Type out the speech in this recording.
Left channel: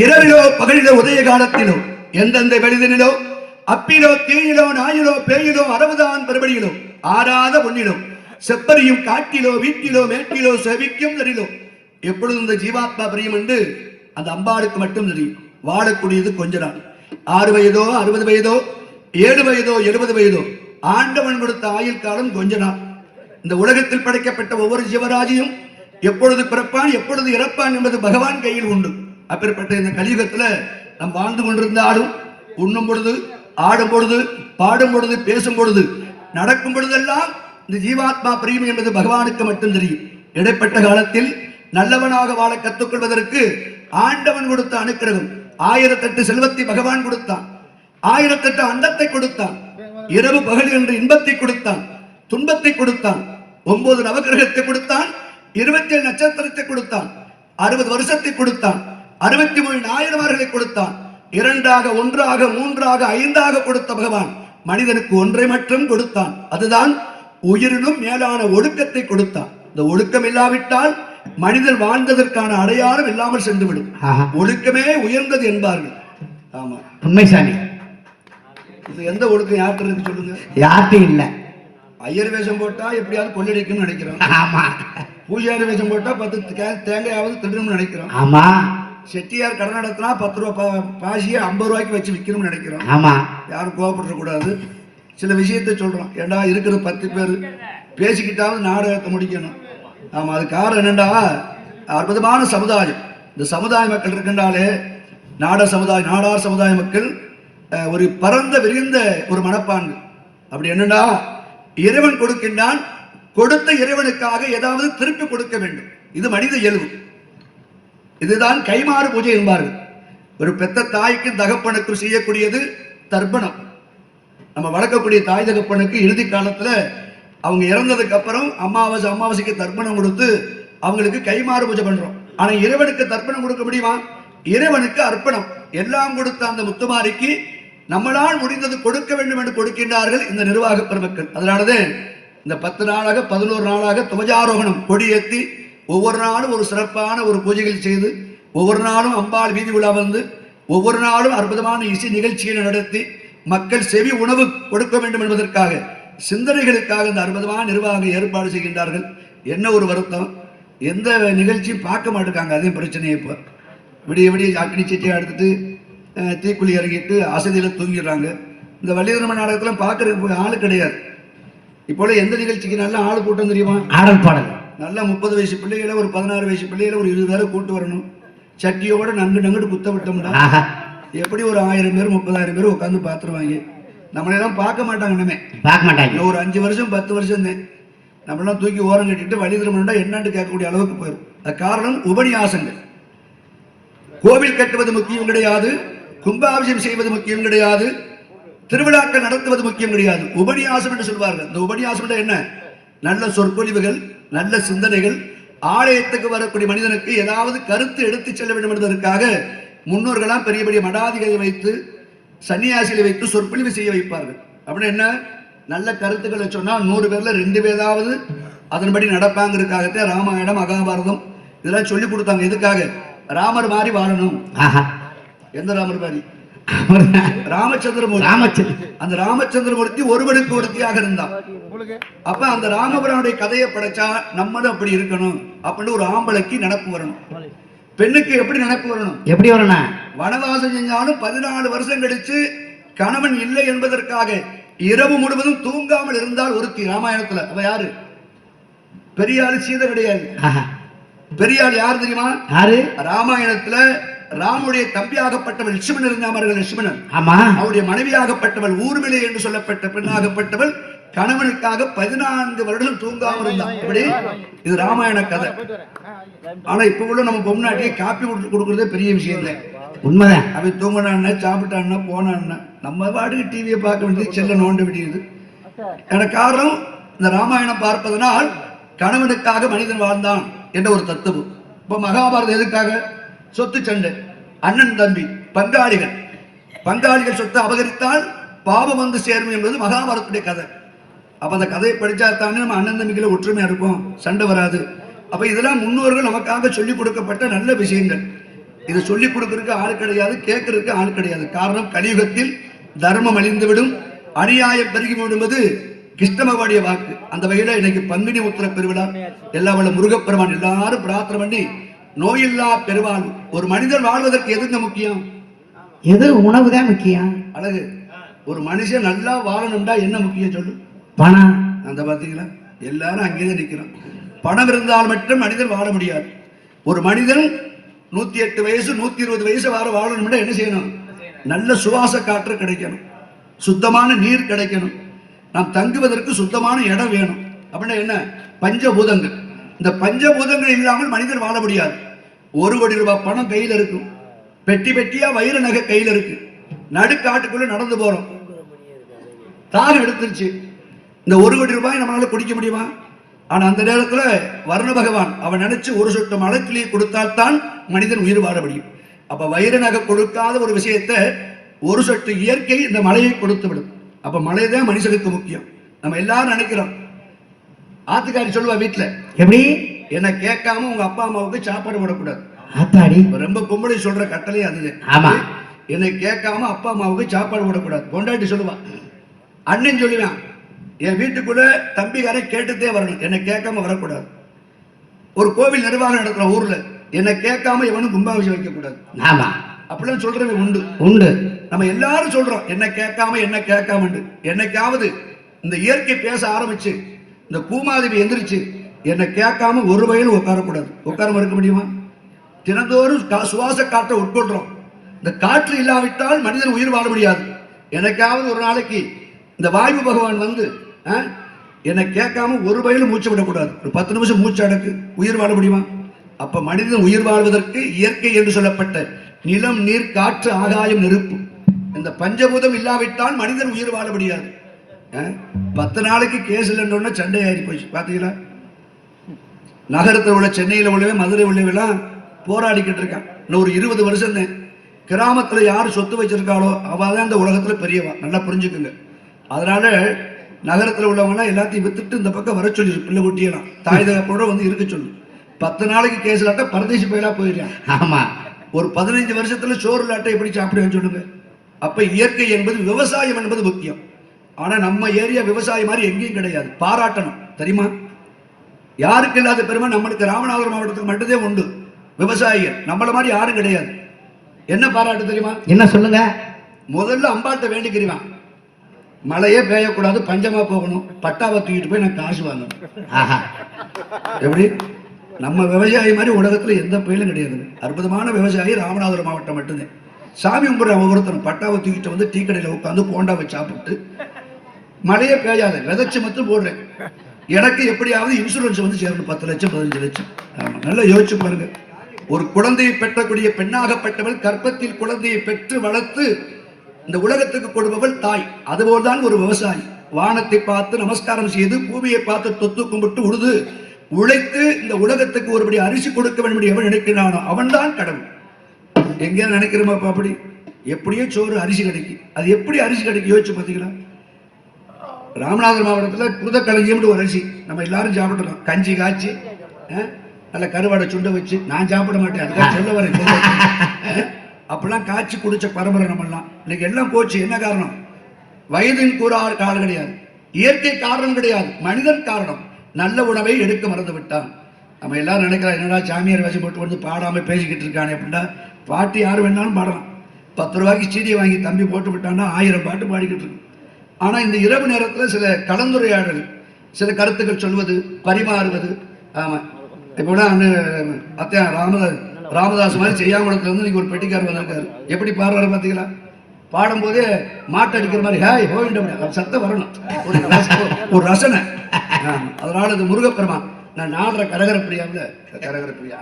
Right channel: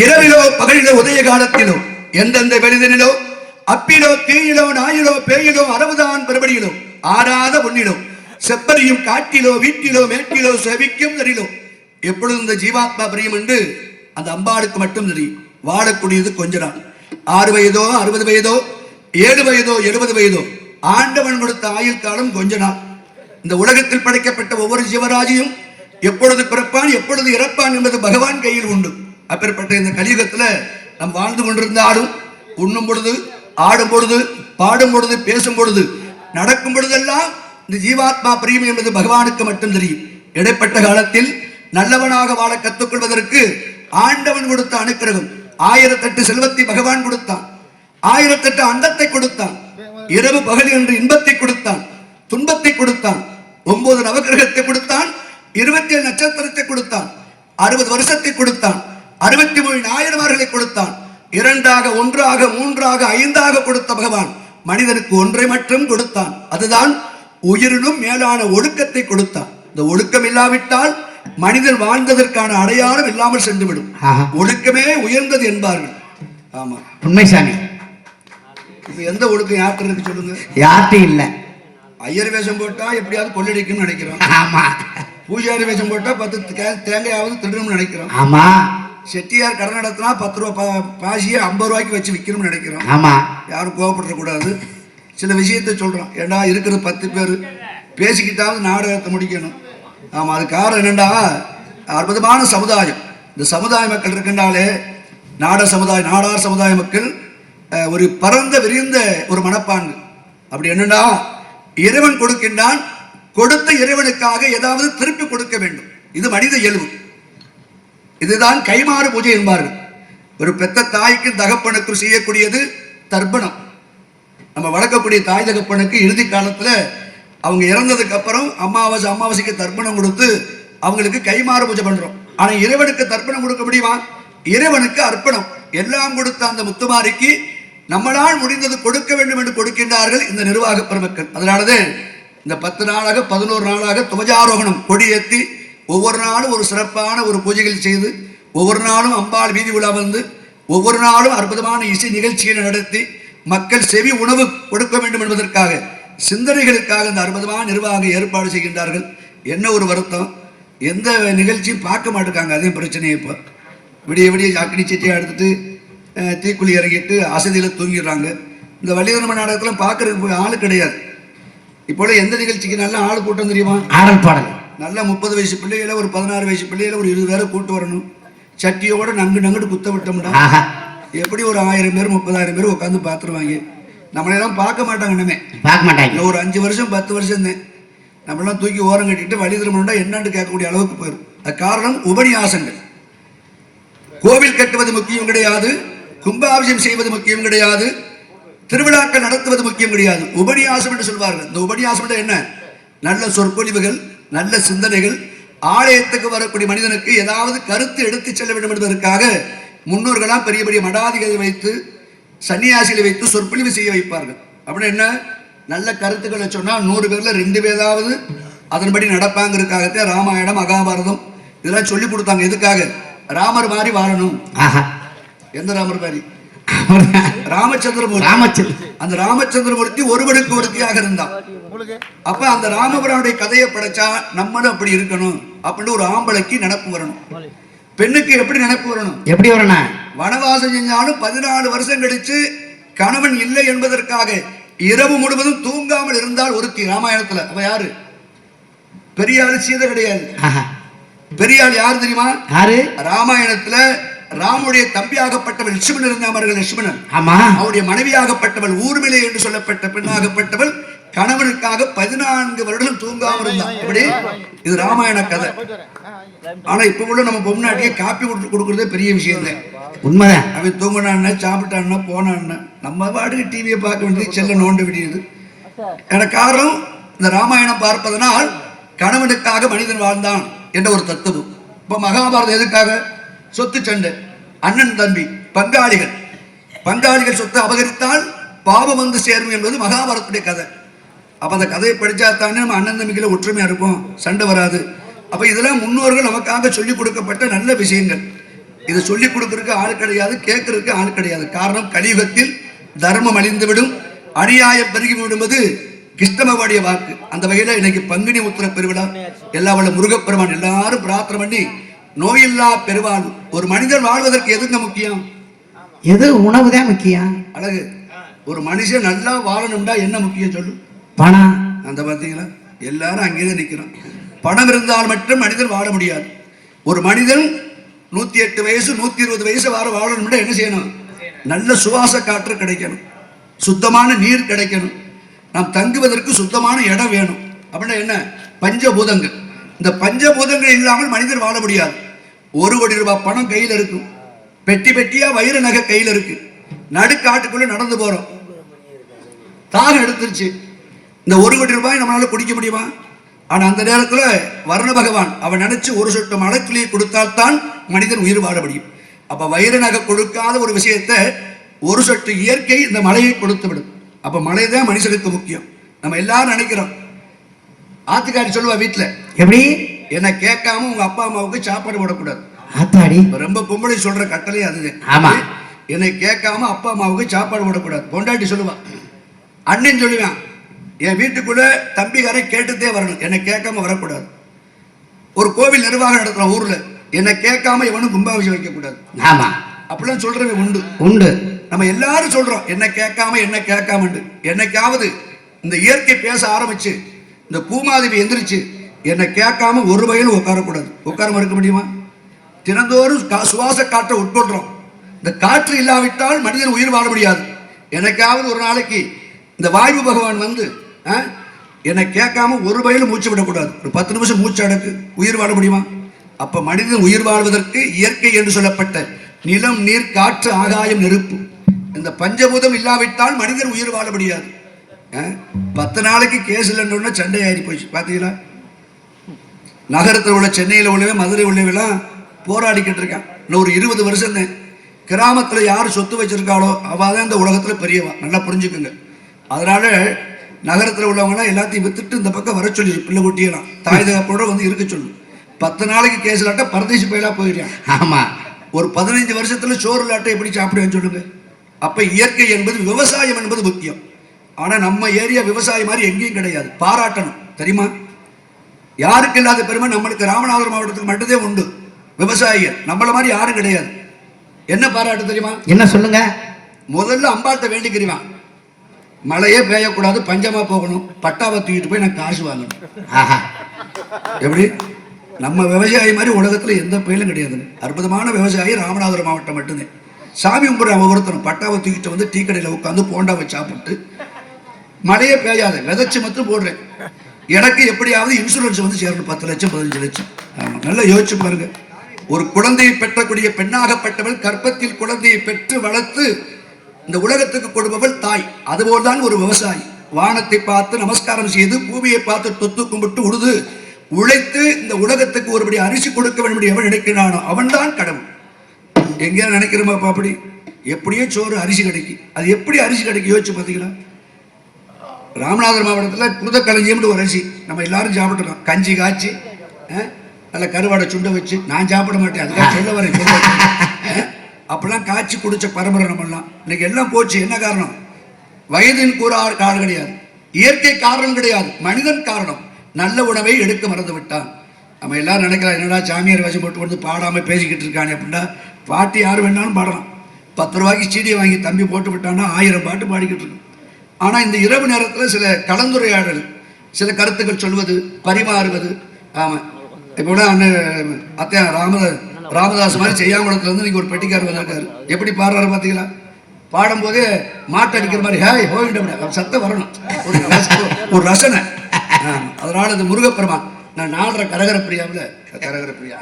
இரவிலோ பகலிலோ உதய காலத்திலோ எந்தெந்த வெளிதனிலோ அப்பிலோ தீயிலோ நாயிலோ பேயிலோ அரவுதான் பெருபடியிலோ ஆறாத பொன்னிலோ செப்பரியும் காட்டிலோ வீட்டிலோ மேட்டிலோ செவிக்கும் தெரியிலோ எப்பொழுது இந்த ஜீவாத்மா பிரியம் என்று அந்த அம்பாளுக்கு மட்டும் தெரியும். வாழக்கூடியது கொஞ்ச நாள். 6 வயதோ 60 வயதோ 7 வயதோ 70 வயதோ ஆண்டவன் கொடுத்த ஆயுள் காலம் கொஞ்ச நாள். இந்த உலகத்தில் படைக்கப்பட்ட ஒவ்வொரு ஜீவராஜியும் எப்பொழுது பிறப்பான் எப்பொழுது இறப்பான் என்பது பகவான் கையில் உண்டு. அப்பேற்பட்ட இந்த கலியுகத்துல நாம் வாழ்ந்து கொண்டிருந்தாலும் உண்ணும் பொழுது ஆடும் பொழுது பாடும் பொழுது பேசும் பொழுது நடக்கும் பொழுதெல்லாம் இந்த ஜீவாத்மா பிரியம் என்பது பகவானுக்கு மட்டும் தெரியும். இடைப்பட்ட காலத்தில் நல்லவனாக வாழ கற்றுக்கொள்வதற்கு ஆண்டவன் கொடுத்த அனுக்கிரகம் 1008 செல்வத்தை பகவான் கொடுத்தான். 1008 அண்டத்தை கொடுத்தான். இரவு பகல் என்று இன்பத்தை கொடுத்தான், துன்பத்தை கொடுத்தான். 9 நவகிரகத்தை கொடுத்தான், 27 நட்சத்திரத்தை கொடுத்தான், 60 வருஷத்தை கொடுத்தான், 63 நாயன்மார்களை கொடுத்தான். 2ஆக 1ஆக 3ஆக 5ஆக கொடுத்த பகவான் மனிதனுக்கு ஒன்றை மட்டும் கொடுத்தான். அதுதான் உயிரினும் மேலான ஒழுக்கத்தை கொடுத்தான். இந்த ஒழுக்கம் இல்லாவிட்டால் மனிதன் வாழ்ந்ததற்கான அடையாளம் இல்லாமல் சென்றுவிடும். ஒழுக்கமே உயர்ந்தது என்பார்கள். ஆமா, உண்மை சாமி. இப்ப எந்த ஒழுக்கம் யார்கிட்ட இருக்கு சொல்லுங்க? யார்கிட்ட இல்ல. ஐயர் வேஷம் போட்டா எப்படியாவது கொள்ளடிக்கும்னு நினைக்கிறோம். ஆமா. பூஜாரி வேஷம் போட்டா 10 தேங்காயாவது திருடணும்னு நினைக்கிறோம். ஆமா. செட்டியார் கடன் நடத்தினா 10 ரூபாய் பாசியை 50 ரூபாய்க்கு வச்சு விற்கணும்னு நினைக்கிறோம். ஆமா. யாரும் கோவப்பட கூடாது. சில விஷயத்தை சொல்றோம். ஏண்டா இருக்கிற 10 பேர் பேசிக்கிட்டாவது நாடகத்தை முடிக்கணும். ஆமா, அது காரணம் என்னண்டா, அற்புதமான சமுதாயம். இந்த சமுதாய மக்கள் இருக்கின்றாலே நாடார் சமுதாய மக்கள் ஒரு பரந்த விரிந்த ஒரு மனப்பான்கு. அப்படி என்னன்னா, இறைவன் கொடுக்கின்றான், கொடுத்த இறைவனுக்காக ஏதாவது திருப்பி கொடுக்க வேண்டும். இது மனித இயல்பு. இதுதான் கைமாறு பூஜை என்பார்கள். ஒரு பெத்த தாய்க்கு தகப்பனுக்கும் செய்யக்கூடியது தர்ப்பணம். நம்ம வளர்க்கக்கூடிய தாய் தகப்பனுக்கு இறுதி காலத்துல அவங்க இறந்ததுக்கு அப்புறம் அமாவாசைக்கு தர்ப்பணம் கொடுத்து அவங்களுக்கு கைமாறு பூஜை பண்றோம். ஆனா இறைவனுக்கு தர்ப்பணம் கொடுக்க முடியுமா? இறைவனுக்கு அர்ப்பணம். எல்லாம் கொடுத்த அந்த முத்துமாரிக்கு நம்மளால் முடிந்தது கொடுக்க வேண்டும் என்று கொடுக்கின்றார்கள் இந்த நிர்வாக பெருமக்கள். அதனாலதே இந்த 10 நாளாக 11 நாளாக துவஜாரோகணம் கொடியேற்றி ஒவ்வொரு நாளும் ஒரு சிறப்பான ஒரு பூஜைகள் செய்து ஒவ்வொரு நாளும் அம்பாள் வீதி உலா வந்து ஒவ்வொரு நாளும் அற்புதமான இசை நிகழ்ச்சிகளை நடத்தி மக்கள் செவி உணவு கொடுக்க வேண்டும் என்பதற்காக சிந்தனைகளுக்காக இந்த அற்புதமான நிர்வாக ஏற்பாடு செய்கின்றார்கள். என்ன ஒரு வருத்தம், எந்த நிகழ்ச்சியும் பார்க்க மாட்டேங்காங்க. அதே பிரச்சனையை இப்போ விடிய அக்னி சட்டியை எடுத்துட்டு தீக்குழி இறங்கிட்டு அசதியில் தூங்கிடுறாங்க. இந்த வள்ளிதர்ம நாடகத்தில் பார்க்கறதுக்கு ஆளு கிடையாது. இப்போல எந்த நிகழ்ச்சிக்கு நல்ல ஆள் கூட்டம் தெரியுமா? ஆடல் பாடல். நல்லா 30 வயசு பிள்ளைகளை ஒரு 16 வயசு பிள்ளைகளை ஒரு 20 பேரை கூட்டு வரணும். சட்டியோட நங்குட்டு குத்த விட்டோம்னா எப்படி ஒரு 1000 பேர் 30,000 பேர் உட்காந்து பார்த்துருவாங்க. நம்மளெல்லாம் பார்க்க மாட்டாங்க. இனிமே பார்க்க மாட்டாங்க. ஒரு 5 வருஷம் 10 வருஷம் தான் நம்மளாம் தூக்கி ஓரம் கட்டிட்டு வழி திருமணம்னா என்னன்னு கேட்கக்கூடிய அளவுக்கு போயிடும். அது காரணம் உபநியாசங்கள். கோவில் கட்டுவது முக்கியம் கிடையாது, கும்பாபிஷேகம் செய்வது முக்கியம் கிடையாது, திருவிழாக்கள் நடத்துவது முக்கியம் கிடையாது. உபநியாசம் என்று சொல்வார்கள். இந்த உபநியாசம் என்ன? நல்ல சொற்பொழிவுகள், நல்ல சிந்தனைகள். ஆலயத்துக்கு வரக்கூடிய மனிதனுக்கு ஏதாவது கருத்து எடுத்து செல்ல வேண்டும் என்பதற்காக முன்னோர்களாம் பெரிய பெரிய மடாதிகளை வைத்து சன்னியாசிகளை வைத்து சொற்பொழிவு செய்ய வைப்பார்கள். அப்படி என்ன நல்ல கருத்துக்களை சொன்னா 100 பேர்ல 2 பேராவது அதன்படி நடப்பாங்கிறதுக்காகத்தான் ராமாயணம் மகாபாரதம் இதெல்லாம் சொல்லி கொடுத்தாங்க. எதுக்காக? ராமர் மாதிரி வாழணும். எந்த ராமர் மாதிரி? ராமச்சந்திரமூர்த்தி. அந்த ராமச்சந்திரமூர்த்தி ஒருவனுக்கு ஒருத்தியாக இருந்தான். அப்ப அந்த ராமபுரானுடைய கதையை படைச்சா நம்மளும் அப்படி இருக்கணும் அப்படின்னு ஒரு ஆம்பளைக்கு நினப்பு வரணும். பெண்ணுக்கு எப்படி நினைப்பு வரணும்? எப்படி வரணும்? வனவாசம் செஞ்சாலும் 14 வருஷம் கழிச்சு கணவன் இல்லை என்பதற்காக இரவு முழுவதும் தூங்காமல் இருந்தால் ஒருத்தி ராமாயணத்துல. அவ யாரு? பெரியாள் சீதை கிடையாது. பெரியாள் யாரு தெரியுமா? யாரு? ராமாயணத்துல ராமுடைய தம்பியாகப்பட்டவள் லட்சுமணன் இருந்தார்கள். லட்சுமணன் அவருடைய மனைவியாகப்பட்டவள் ஊர்மிளை என்று சொல்லப்பட்ட பெண்ணாகப்பட்டவள் கணவனுக்காக 14 வருடம் தூங்காமல் இருந்தான். இப்படி இது ராமாயண கதை. ஆனா இப்ப கூட நம்ம பொம்நாட்டியே காப்பி கொடுக்கறதே பெரிய விஷயம் தான். உண்மைதான். அவன் தூங்கினான்னா சாப்பிட்டான்னா போனான்னா நம்ம பாட்டுக்கு டிவியை பார்க்க வேண்டியது, செல்ல நோண்ட வேண்டியது. எனக்கு காரணம் இந்த ராமாயணம் பார்ப்பதனால் கணவனுக்காக மனிதன் வாழ்ந்தான் என்ற ஒரு தத்துவம். இப்ப மகாபாரதம் எதுக்காக? சொத்து சண்டை, அண்ணன் தம்பி, பங்காளிகள் சொத்தை அபகரித்தால் பாவம் வந்து சேரும் என்பது மகாபாரதத்துடைய கதை. அப்ப அந்த கதையை படிச்சா தானே நம்ம அண்ணன் தம்பிகளை ஒற்றுமையா இருப்போம், சண்டை வராது. அப்ப இதெல்லாம் முன்னோர்கள் நமக்காக சொல்லிக் கொடுக்கப்பட்ட நல்ல விஷயங்கள். இதை சொல்லிக் கொடுக்கறதுக்கு ஆள் கிடையாது, கேட்கறதுக்கு ஆள் கிடையாது. காரணம், கலியுகத்தில் தர்மம் அழிந்துவிடும், அநியாயம் பெருகி விடுவது கிருஷ்ணமவாடிய வாக்கு. அந்த வகையில இன்னைக்கு பங்குனி உத்திர பெருவிழா, எல்லா வல்ல முருகப்பெருமான் எல்லாரும் பிரார்த்தனை பண்ணி நோயில்லா பெருவாழ்வு. ஒரு மனிதன் வாழ்வதற்கு எதுங்க முக்கியம்? எது? உணவு தான் முக்கியம். அழகு. ஒரு மனுஷன் நல்லா வாழணும்டா என்ன முக்கியம் சொல்லு? பணம். அந்த பார்த்தீங்களா, எல்லாரும் அங்கேதான் நிற்கிறோம். பணம் இருந்தால் மட்டும் மனிதன் வாழ முடியாது. ஒரு மனிதன் 108 வயசு 120 வயசு வாழணும்னா என்ன செய்யணும்? நல்ல சுவாச காற்று கிடைக்கணும், சுத்தமான நீர் கிடைக்கணும், நாம் தங்குவதற்கு சுத்தமான இடம் வேணும். அப்படின்னா என்ன? பஞ்சபூதங்கள். இந்த பஞ்சபூதங்கள் இல்லாமல் மனிதர் வாழ முடியாது. 1 கோடி ரூபாய் பணம் கையில் இருக்கும், பெட்டி பெட்டியா வைர நகை கையில் இருக்கு, நடுக்காட்டுக்குள்ள நடந்து போறோம், தாகம் எடுத்துருச்சு. இந்த 1 கோடி ரூபாய் நம்மளால குடிக்க முடியுமா? ஆனா அந்த நேரத்துல வருண பகவான் அவன் நினைச்சு ஒரு சொட்டு மழைத்துளியை கொடுத்தால்தான் மனிதன் உயிர் வாழ முடியும். அப்ப வைர நகை கொடுக்காத ஒரு விஷயத்தை ஒரு சொட்டு இயற்கை இந்த மழையை கொடுத்து விடும். அப்ப மழை தான் மனுஷனுக்கு முக்கியம். நம்ம எல்லாரும் நினைக்கிறோம். ஆத்துக்காரி சொல்லுவா வீட்டுல, எப்படி என்ன கேட்காம உங்க அப்பா அம்மாவுக்கு சாப்பாடு போடக்கூடாது. ஆத்தாடி, ரொம்ப பொம்பளை சொல்ற கட்டளை அதுதான். ஆமா, என்னை கேட்காம அப்பா அம்மாவுக்கு சாப்பாடு போடக்கூடாது. பொண்டாட்டி சொல்லுவா. அண்ணன் சொல்லுவான், என் வீட்டுக்குள்ள தம்பிக்காரை கேட்டுத்தே வரணும், என்னை கேட்காம வரக்கூடாது. ஒரு கோவில் நிர்வாகம் நடத்துற ஊர்ல என்னை கேட்காம எவனும் கும்பாபிஷேகம் வைக்க கூடாது. ஆமா, அப்படிலாம் சொல்றவங்க உண்டு உண்டு. நம்ம எல்லாரும் சொல்றோம் என்ன கேட்காம என்ன கேட்காம. என்னைக்காவது இந்த இயற்கை பேச ஆரம்பிச்சு இந்த பூமாதேவி எந்திரிச்சு என்னை கேட்காம ஒரு வயலும் உட்காரக்கூடாது. உட்காராம இருக்க முடியுமா? தினந்தோறும் சுவாச காற்றை உட்கொள்றோம். இந்த காற்று இல்லாவிட்டால் மனிதன் உயிர் வாழ முடியாது. எனக்காவது ஒரு நாளைக்கு இந்த வாயு பகவான் வந்து என்னை கேட்காம ஒரு வயலும் மூச்சு விடக்கூடாது, ஒரு 10 நிமிஷம் மூச்சு அடக்கு, உயிர் வாழ முடியுமா? அப்ப மனிதன் உயிர் வாழ்வதற்கு இயற்கை என்று சொல்லப்பட்ட நிலம், நீர், காற்று, ஆகாயம், நெருப்பு, இந்த பஞ்சபூதம் இல்லாவிட்டால் மனிதன் உயிர் வாழ முடியாது. 10 நாளைக்கு கேஸ் இல்லைன்னு சண்டை ஆகி போச்சு. பார்த்தீங்களா? நகரத்தில் உள்ள சென்னையில் உள்ளவே மதுரை உள்ளவெல்லாம் போராடிக்கிட்டு இருக்கான். இன்னும் ஒரு 20 வருஷம் தான். கிராமத்தில் யார் சொத்து வச்சிருக்காளோ அவள் தான் இந்த உலகத்தில் பெரியவா. நல்லா புரிஞ்சுக்குங்க. அதனால நகரத்தில் உள்ளவங்களாம் எல்லாத்தையும் வித்துட்டு இந்த பக்கம் வர சொல்லி பிள்ளை குட்டியெல்லாம் தாய் தகப்போட வந்து இருக்க சொல்லு. 10 நாளைக்கு கேஸ் இல்லாட்டா பரதேசி பயிலா போயிடுறான். ஆமா, ஒரு 15 வருஷத்துல சோறு இல்லாட்டை எப்படி சாப்பிடுவேன்னு சொல்லுங்க. அப்ப இயற்கை என்பது, விவசாயம் என்பது முக்கியம். ஆனா நம்ம ஏரியா விவசாயம் மாதிரி எங்கேயும் கிடையாது. பாராட்டணும் தெரியுமா? யாருக்கு இல்லாத பெருமை நம்மளுக்கு ராமநாதபுரம் மாவட்டத்துக்கு மட்டும்தான் உண்டு. விவசாயிகள் நம்மள மாதிரி யாரும் கிடையாது. என்ன பாராட்டு தெரியுமா? என்ன சொல்லுங்க? முதல்ல அம்பாள்கிட்ட வேண்டிக்கிறவான், மழையே பெய்யக்கூடாது, பஞ்சமா போகணும், பட்டாவை தூக்கிட்டு போய் நான் காசு வாங்கணும். எப்படி? நம்ம விவசாயி மாதிரி உலகத்துல எந்த பயிலும் கிடையாது. அற்புதமான விவசாயி ராமநாதபுரம் மாவட்டம் மட்டும்தான். சாமி கும்பிட்ற ஒவ்வொருத்தரும் பட்டாவை தூக்கிட்டு வந்து டீ கடையில் உட்காந்து போண்டாவை சாப்பிட்டு, மழையே பெய்யாது, விதைச்சு மட்டும் போடுறேன், எனக்கு எப்படியாவது இன்சூரன்ஸ் வந்து சேரணும், 10 லட்சம் 15 லட்சம். நல்லா யோசிச்சு பாருங்க. ஒரு குழந்தையை பெற்றக்கூடிய பெண்ணாகப்பட்டவள் கர்ப்பத்தில் குழந்தையை பெற்று வளர்த்து இந்த உலகத்துக்கு கொடுப்பவள் தாய். அதுபோல்தான் ஒரு விவசாயி. வானத்தை பார்த்து நமஸ்காரம் செய்து, பூமியை பார்த்து தொத்து கும்பிட்டு உழுது உழைத்து இந்த உலகத்துக்கு ஒருபடி அரிசி கொடுக்க வேண்டும் எவன் நினைக்கிறானோ அவன் தான் கடவுள். எங்கேயா நினைக்கிறோமாப்பா? அப்படி எப்படியோ சோறு அரிசி கிடைக்கும். அது எப்படி அரிசி கிடைக்கும் யோசிச்சு பார்த்தீங்களா? ராமநாதபுரம் மாவட்டத்தில் புதக்களஞ்சியம்னு ஒரு அரிசி நம்ம எல்லாரும் சாப்பிட்டுருக்கோம். கஞ்சி காய்ச்சி நல்ல கருவாடை சுண்ட வச்சு, நான் சாப்பிட மாட்டேன், அதுக்காக சொல்ல வரேன். அப்பெல்லாம் காய்ச்சி குடிச்ச பரம்பரை நம்மெல்லாம். இன்னைக்கு எல்லாம் போச்சு. என்ன காரணம்? வயதின் கூறார் காரணம் கிடையாது, இயற்கை காரணம் கிடையாது, மனிதன் காரணம். நல்ல உணவை எடுக்க மறந்து விட்டான். நம்ம எல்லாரும் நினைக்கலாம், என்னடா சாமியார் வேஷம் போட்டு வந்து பாடாமல் பேசிக்கிட்டு இருக்கானே அப்படின்னா. பாட்டு யார் வேணாலும் பாடலாம். 10 ரூபாய்க்கு சீடியை வாங்கி தம்பி போட்டு விட்டான்னா 1000 பாட்டு பாடிக்கிட்டு இருக்கும். ஆனால் இந்த இரவு நேரத்தில் சில கலந்துரையாடல், சில கருத்துக்கள் சொல்வது, பரிமாறுவது. ஆமாம், இப்போ கூட அண்ணன் அத்தையா ராமதாஸ் மாதிரி செய்யாங்குளத்துலேருந்து நீங்கள் ஒரு பெட்டிக்காரர் வந்திருக்காரு. எப்படி பாடுறாரு பார்த்தீங்களா? பாடும்போதே மாட்டு அடிக்கிற மாதிரி ஹேய் ஹோயிட்ட சத்தம் வரணும், ஒரு ரசனை. அதனால இந்த முருகப்பெருமான், நான் நாடுற கரகர பிரியாவில் கரகர பிரியா